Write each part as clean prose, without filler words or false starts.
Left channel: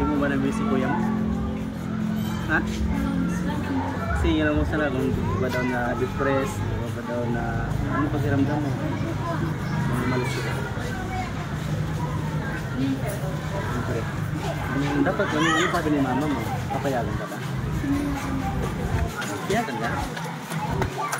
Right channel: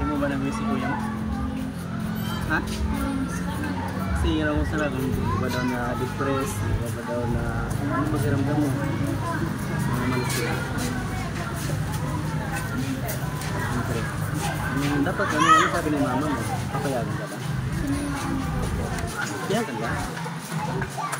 Hindi mo ba na-miss si kuya mo? Ha? Sige lang mo sana kung di ba daw na depressed, di ba daw na ano ba kiramdam mo? Mamalit sila. Siyempre. Dapat ano sabi ni mama mo? Papayagan ka ba? Papayagan ka?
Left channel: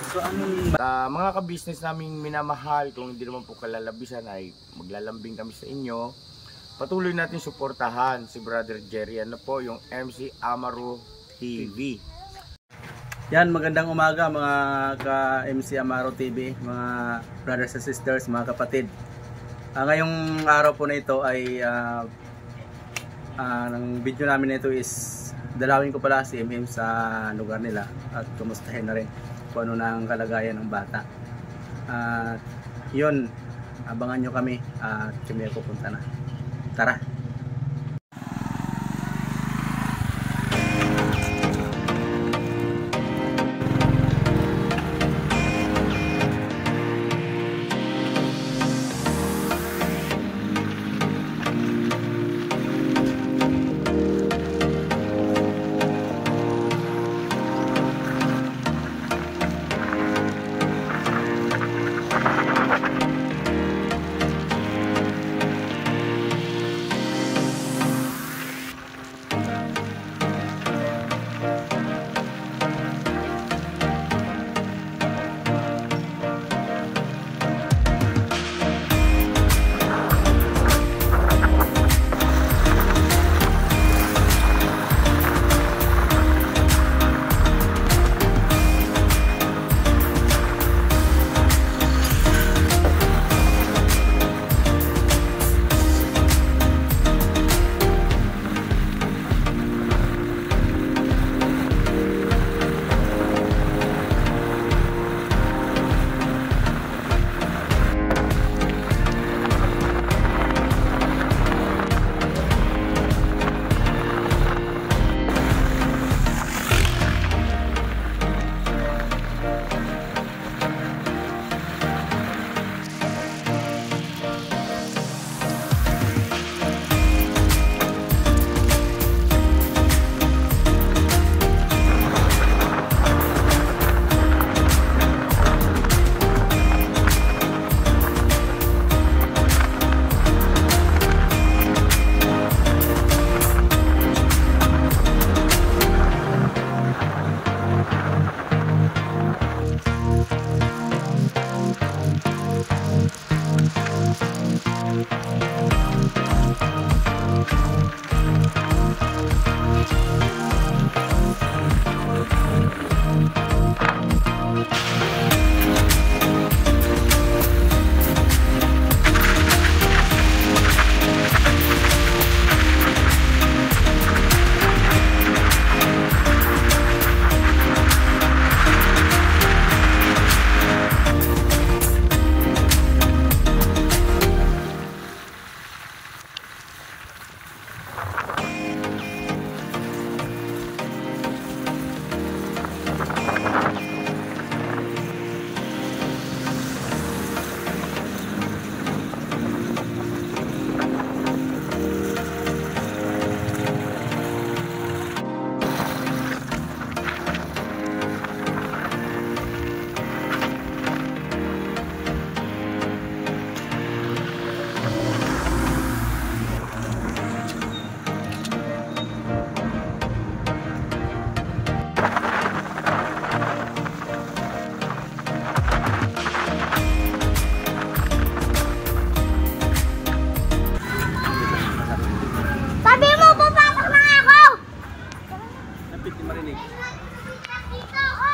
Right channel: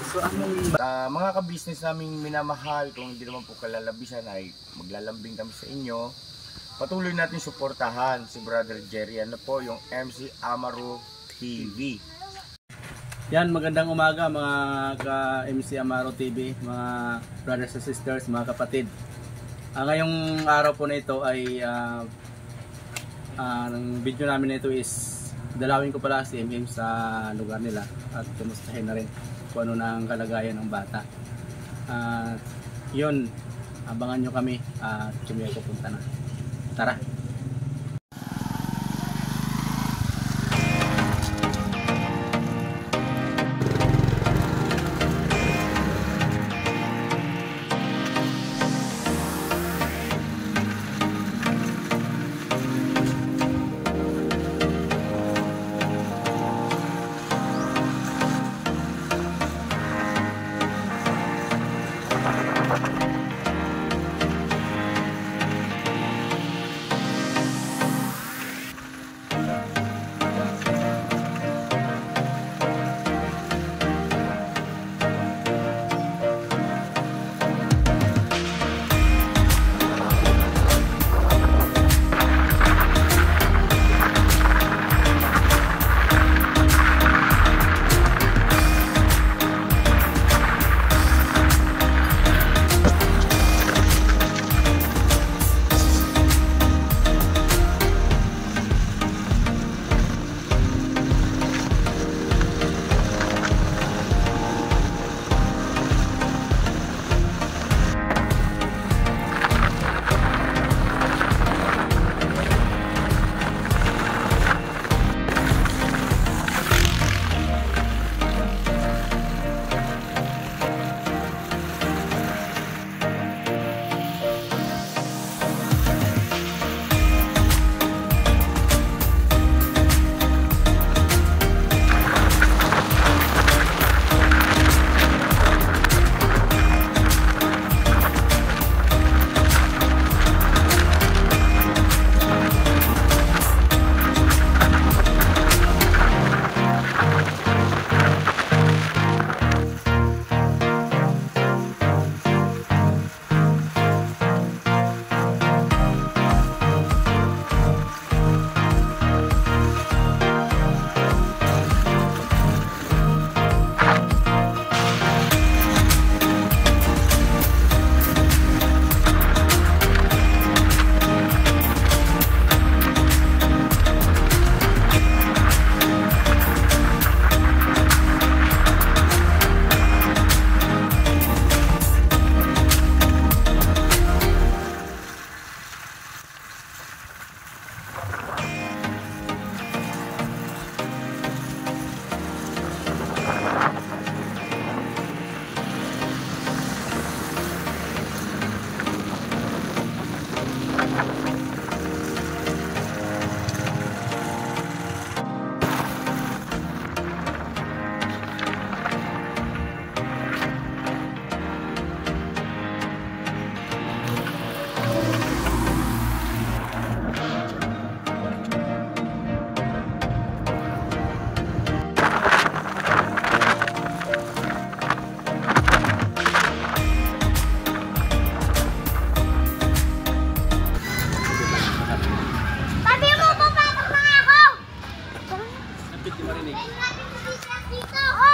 So anong mga ka-business naming minamahal, kung hindi naman po kalalabisan ay maglalambing kami sa inyo. Patuloy natin suportahan si Brother Jerry. Ano po yung MC Amaro TV. Yan, magandang umaga mga ka-MC Amaro TV, mga brothers and sisters, mga kapatid. Ngayong araw po na ito ay ang video namin na ito is dalawin ko pala si MM sa lugar nila at kumustahin na rin kung ano na ang kalagayan ng bata. Yun, abangan nyo kami at kami ay pupunta na. Tara!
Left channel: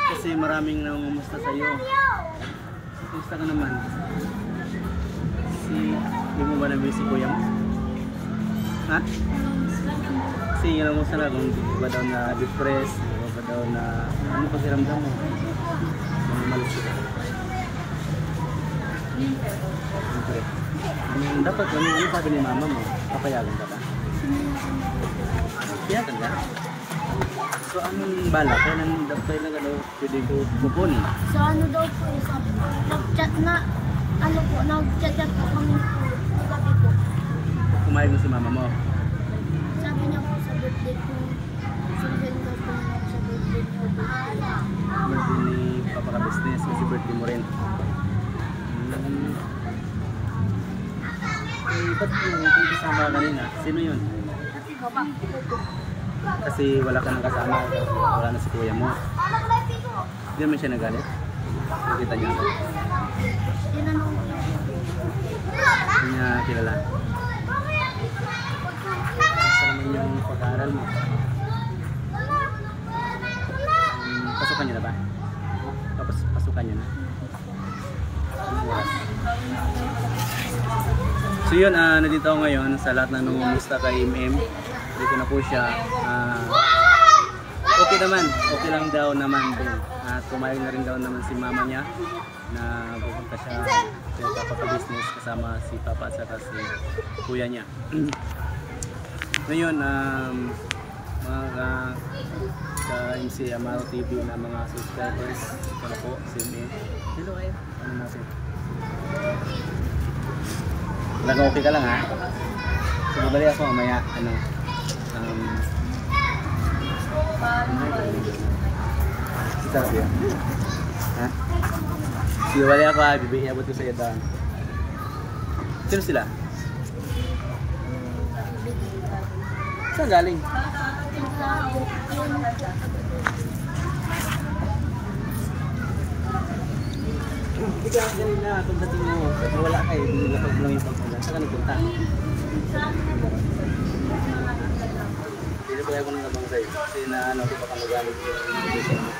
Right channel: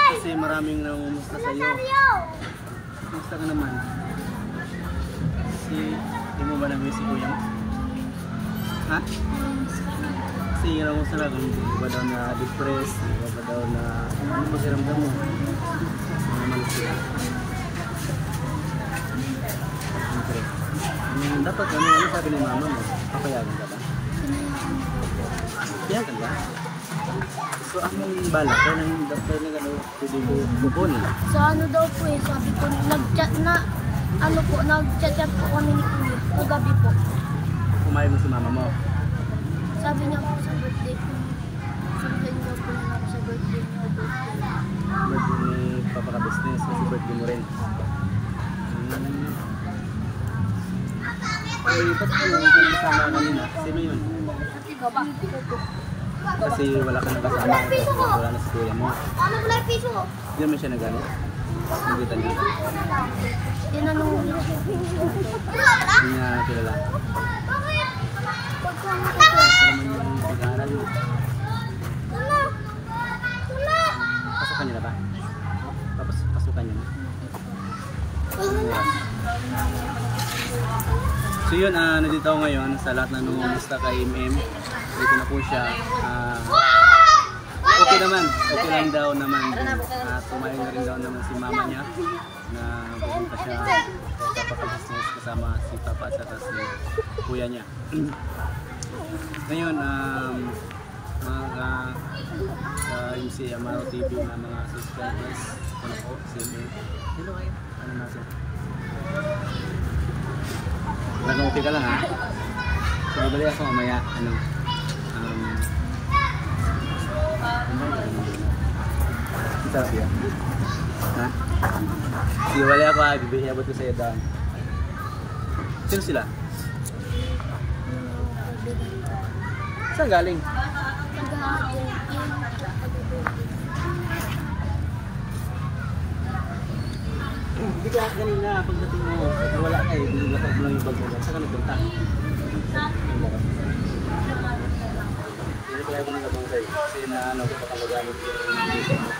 Kasi maraming nangumusta sa'yo. Kumusta ka naman? Di mo ba na-miss si kuya mo? Ha? Sige lang mo sana kung di ba daw na depressed, di ba daw na ano ba kiramdam mo? Mamalit sila. Siyempre. Dapat ano sabi ni mama mo? Papayagan ka ba? Papayagan ka? So anong balak? Kailan ka daw pwede ko kukunin? So ano daw po sabi ko, nag-chat po kami ni kuya, kagabi po. Kumain mo si mama mo? Sabi niya po business kasi birthday mo rin. Ay, ba't yung kasama kanina? Sino yun? Kasi wala ka nang kasama kasi wala na si kuya mo. Hindi naman siya nagalit? Nakita niya ka? Tinanong lang. Hindi niya kilala? Gusto naman yung pag-aaral mo. Pasukan niya na ba? Tapos pasukan niya na? Anong oras? So yun, nandito ako ngayon sa lahat ng nangumusta kay MM. Dito na po siya. Okay naman, okay lang daw naman. Tumayag na rin daw naman si mama niya na pupunta siya sa papaka-business kasama si papa at saka si kuya niya. Ngayon, mga ka-MC Amaro TV na mga subscribers ko na po, si MM. Hello, ay, ano natin? Talagang okay ka lang ha? So babalik ako mamaya, kumain ko rin doon ha? Si sarap yan? Ha? Sige, balik ako ha, iabot ko sa'yo doon. Sino sila? Saan galing? Hindi ka kanina pagdating mo, wala kayo, binilapag mo lang yung bag mo dyan. Saan ka nagpunta? Hindi po kaya ko nang nabang sa'yo. Kasi na ko baka magalit yung dito mo.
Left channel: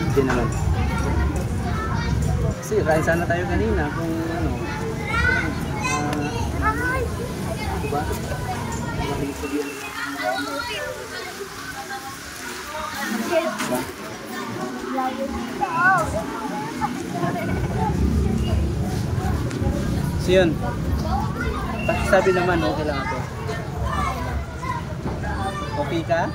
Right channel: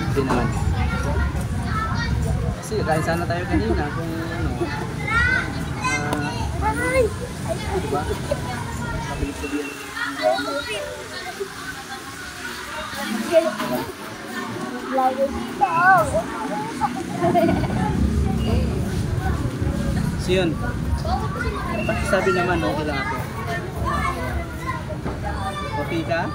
Hindi naman. Kasi kain sana tayo kanina kung ano. Diba? Nakabilis ko diyan. Diba? So yun, pakisabi naman, okay lang ako. Okay ka?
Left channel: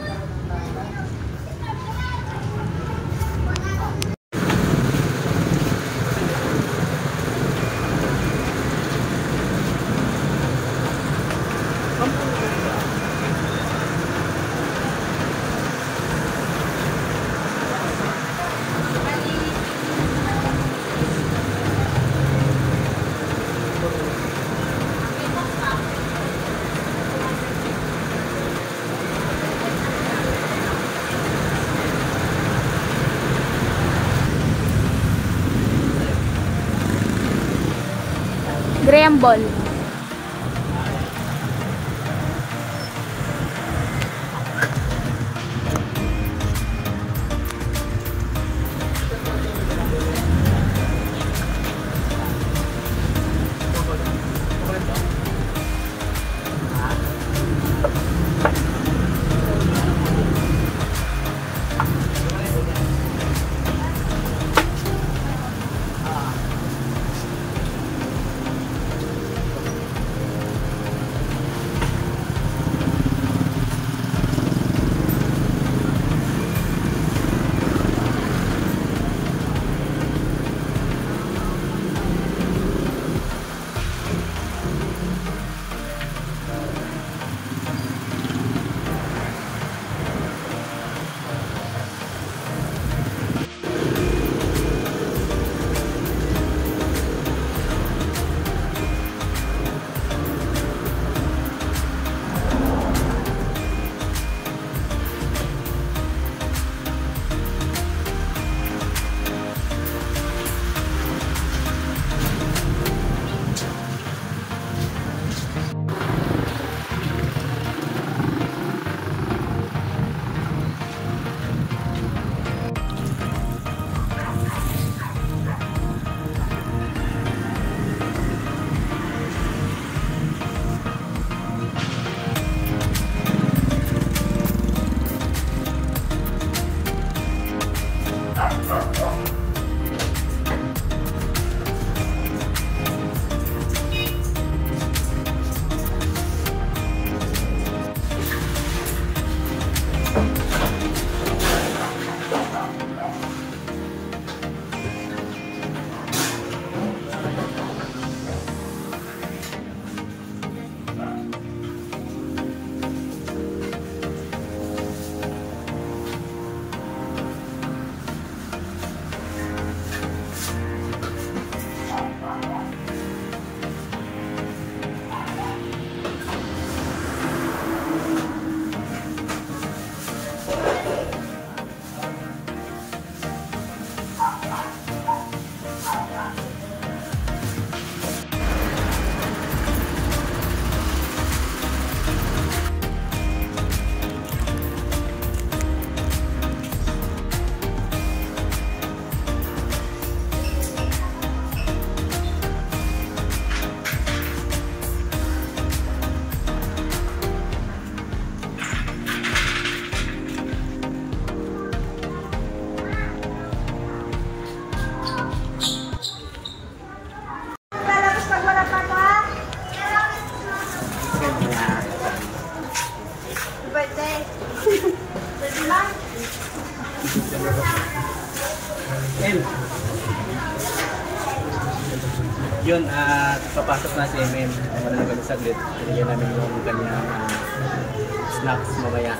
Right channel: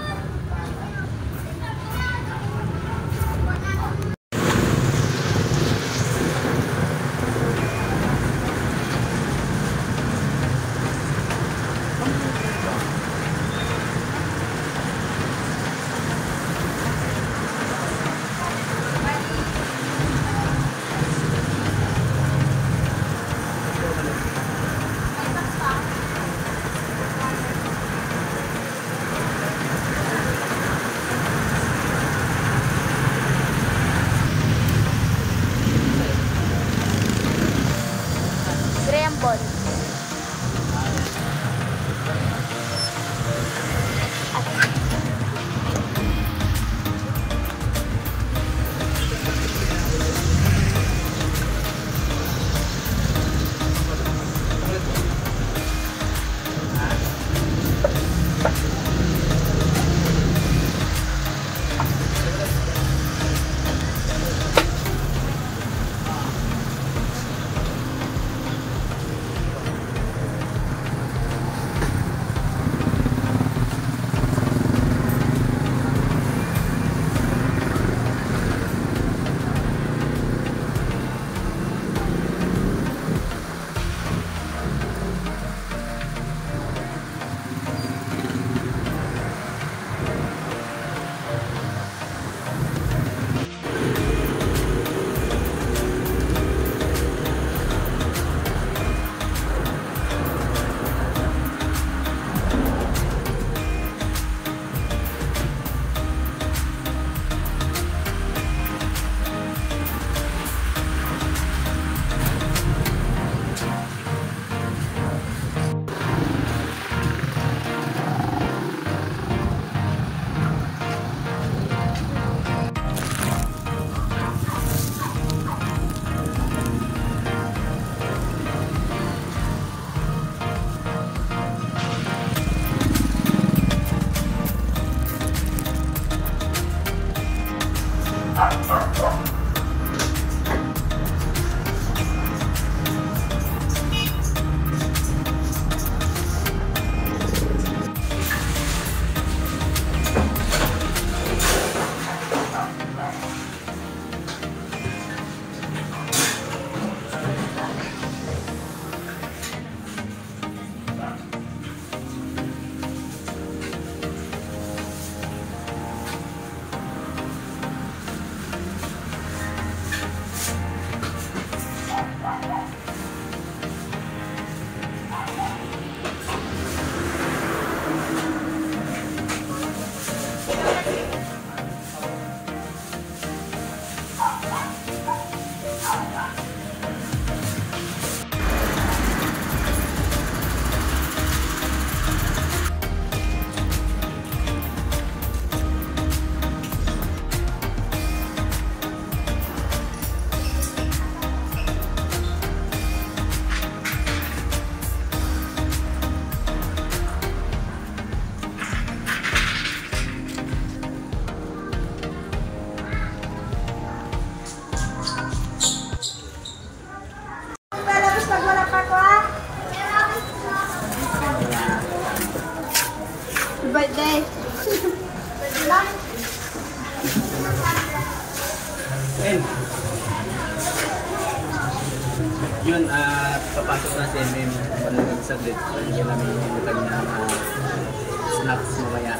Yun, papasok na si MM. Wala na kami saglit. Binigyan namin yung kanyang snacks mamaya.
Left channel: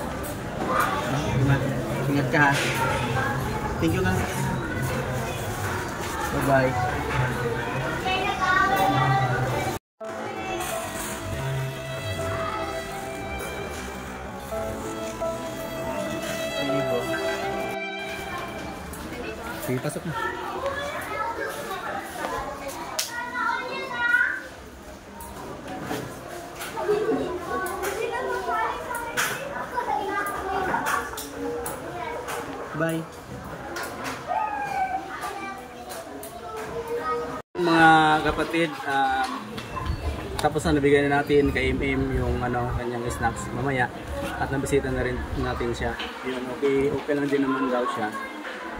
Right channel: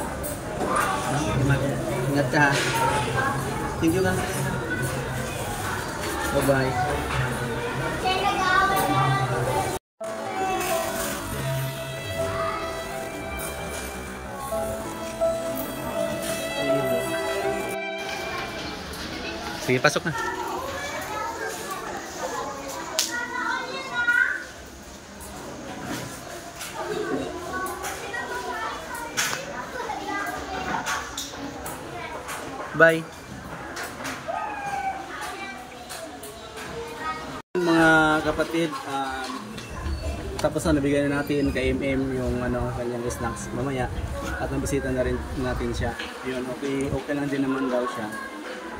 No? Ingat ka ha. Thank you ka. Bye-bye. Sige, pasok na. Bye. Mga kapatid, tapos na nabigay na natin kay MM yung kanyang snacks mamaya at nabisita na rin natin siya. Yun, okay lang din naman daw siya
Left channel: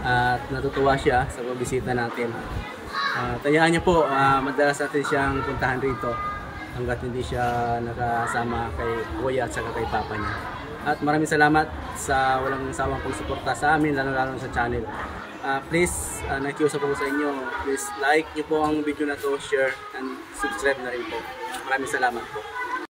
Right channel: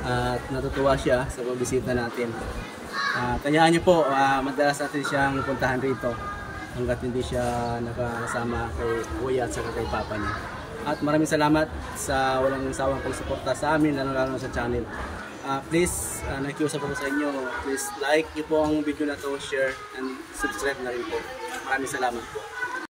at natutuwa siya sa pagbisita natin. Tayaan niyo po, madalas natin siyang puntahan rito hanggat hindi siya nakasama kay Kuya at saka kay Papa niya. At maraming salamat sa walang sawang pagsuporta sa amin, lalo sa channel. Please, nakiusap ako sa inyo, please like nyo po ang video na to, share and subscribe na rin po. Maraming salamat po.